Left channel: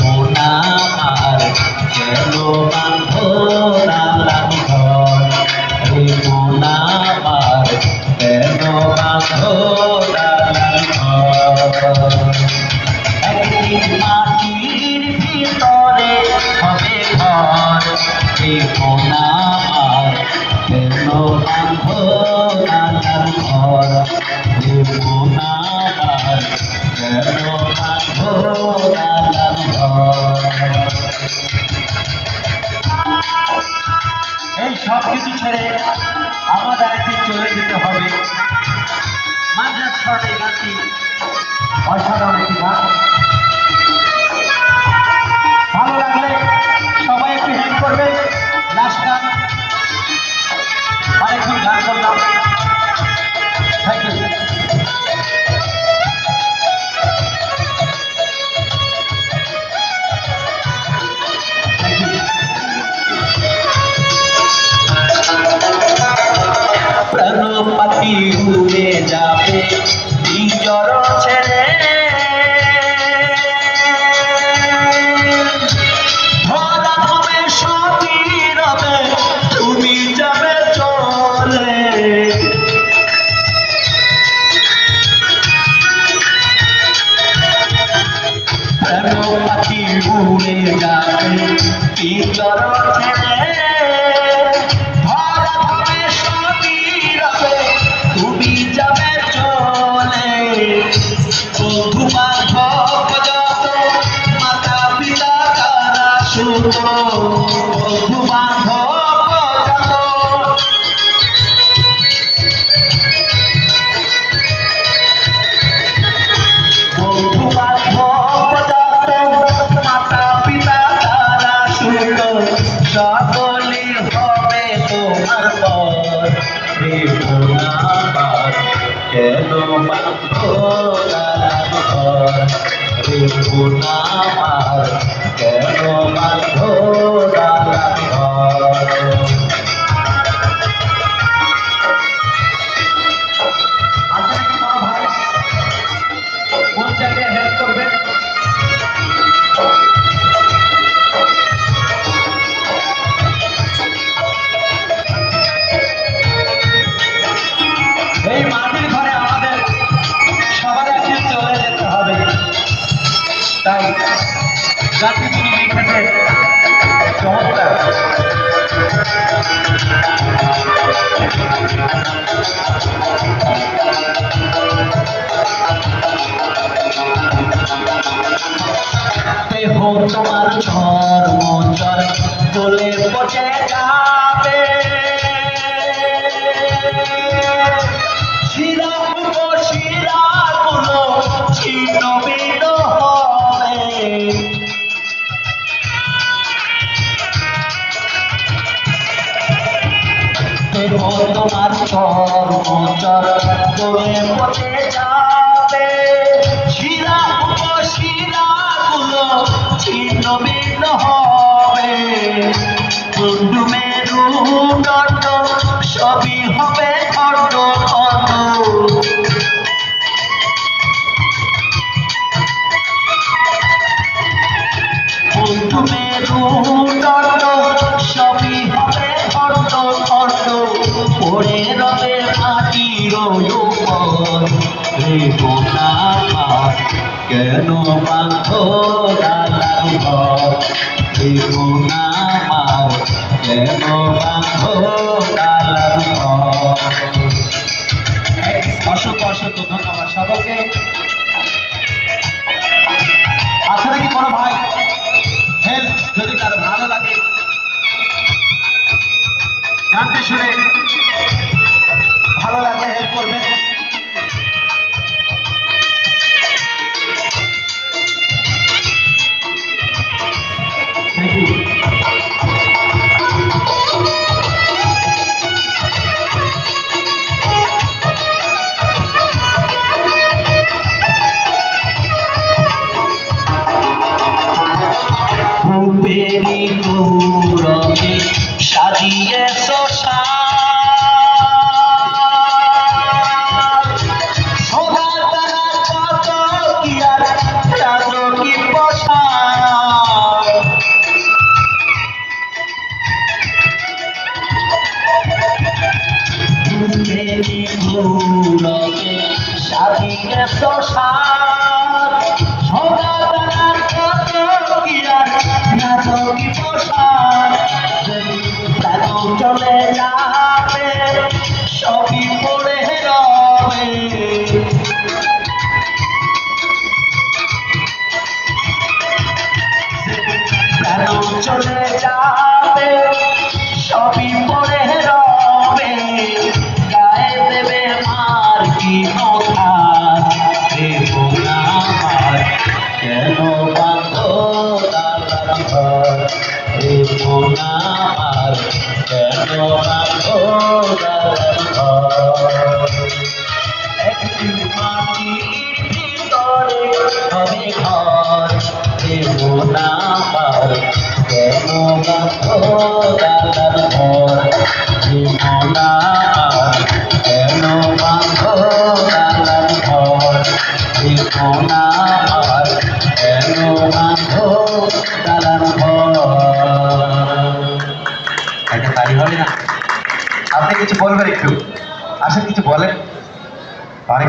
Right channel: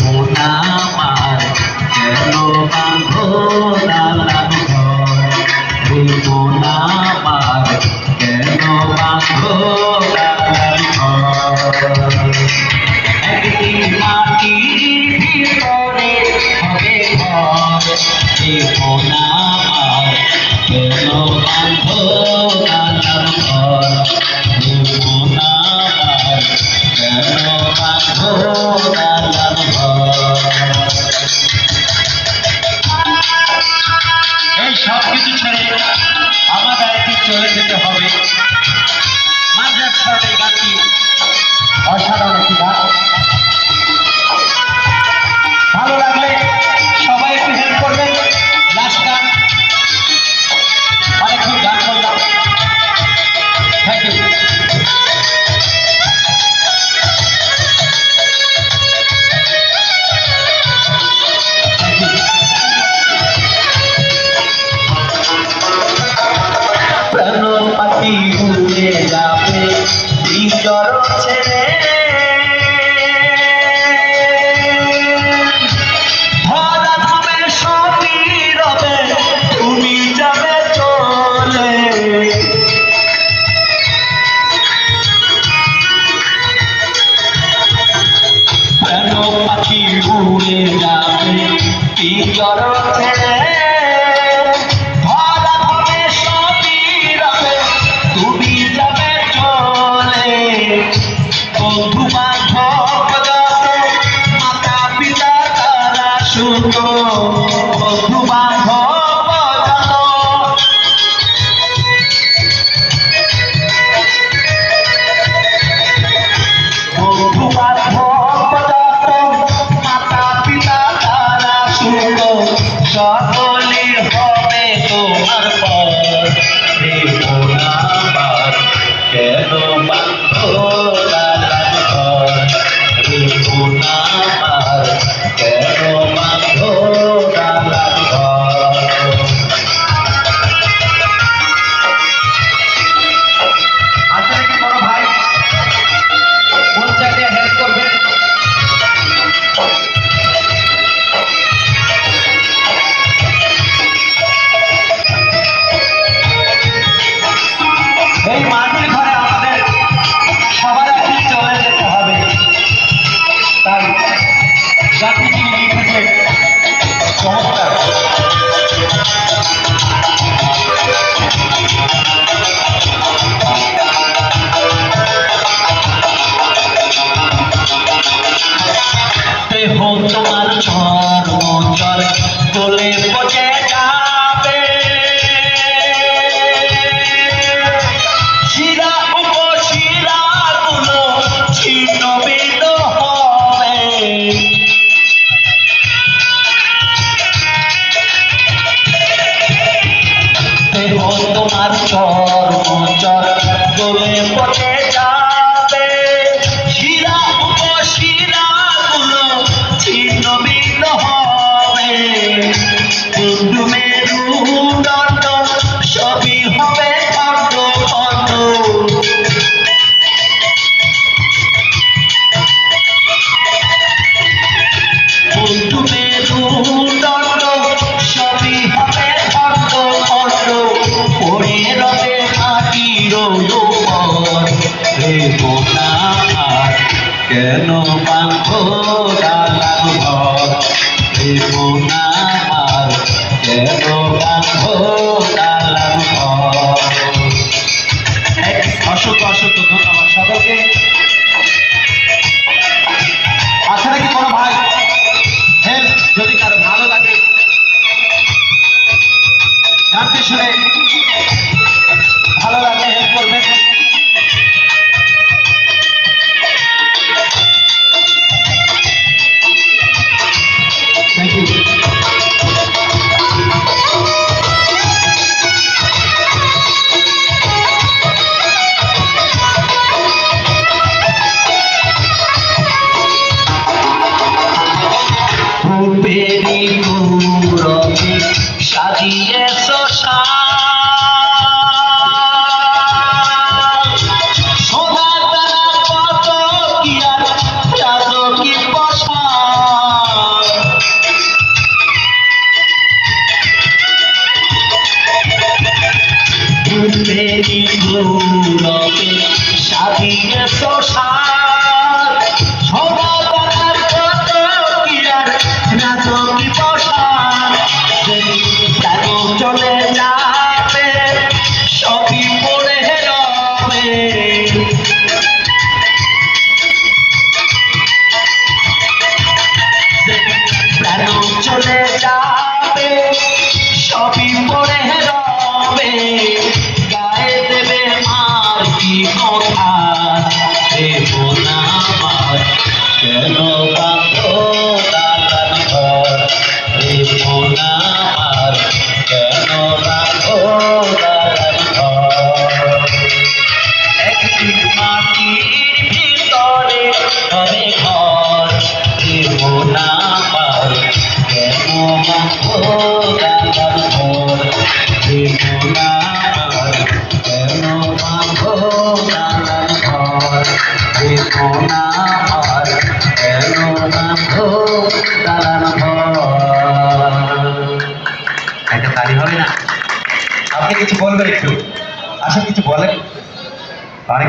মোনা আমার কেন বাঁধো দালান ঘর রে মোনা আমার কেন বাঁধো দালান ঘর একদিন মাটির ভিতরে হবে ঘর রে মোনা আমার কেন বাঁধো দালান ঘর রে মোনা আমার কেন বাঁধো দালান ঘর। এই সব কিছু ছেড়ে আমাদের একদিন চলে যেতে হবে। মাঝের স্বরে গানটি অসাধারণ একটি গান। ভালো লাগলে সবাই একটু হেল্প করবে। লাস্ট গান, অনেকক্ষণ গান করলাম। Thank you. প্রাণ পাখি উড়ে যাবে নিজর ছেড়ে, ভরা হবে সবই রবে তুমি যাবে চলে। প্রাণ পাখি উড়ে যাবে নিজর ছেড়ে, বন্ধু বান্ধব যত মাতা পিতা তারা সুত, বন্ধু বান্ধব যত বন্ধু বান্ধব যত মাতা পিতা তারা সুত, সকলে হবে তোমার পর রে মোনা আমার কেন বাঁধো দালান ঘর রে মোনা আমার কেন বাঁধো দালান ঘর। আসলে কি বড় ভাই কোন জায়গায় হেল্প করবে? এই মাটির ঘরে আমাদের সবার একদিন চলে যেতে হবে। তাই গানটি যিনি লিখেছেন চমৎকার। দেহ তোমার ঝড় মোচর দোলে পচে যাবে, শিরা উপশিরা গুলো ছিন্ন ভিন্ন হবে। দেহ তোমার চর মোচর দোলে পচে যাবে, শিরা উপশিরা গুলো ছিন্ন ভিন্ন হবে। বন্ধু মেরুদণ্ড সবই হবে খণ্ড খণ্ড, বন্ধু মেরুদণ্ড সবই হবে খণ্ড খণ্ড, পড়ে রবে মাটির উপর রে মোনা আমার কেন বাঁধো দালান ঘর রে মোনা আমার কেন বাঁধো দালান ঘর। অসংখ্য অসংখ্য ধন্যবাদ সকলকে। আশা রাখি কোনো ভাই হেল্প যদি কারো ভালো লাগে গানটি শুনে ভালো লাগলে হেল্প করবেন। Thank you. রূপেরি গৌরবে সাজিয়ে কেন বাঁধো দালান ঘর রে মন আমার, কেন বাঁধো দালান ঘর। একদিন মাটির ভিতরে হবে ঘর রে মন আমার, কেন বাঁধো দালান ঘর রে মন আমার, কেন বাঁধো দালান ঘর রে মন আমার, কেন বাঁধো দালান ঘর। একটা তালি হবে না? আপনি কিছু বলবেন একটু, আসলে কিছু বলেন। অনেক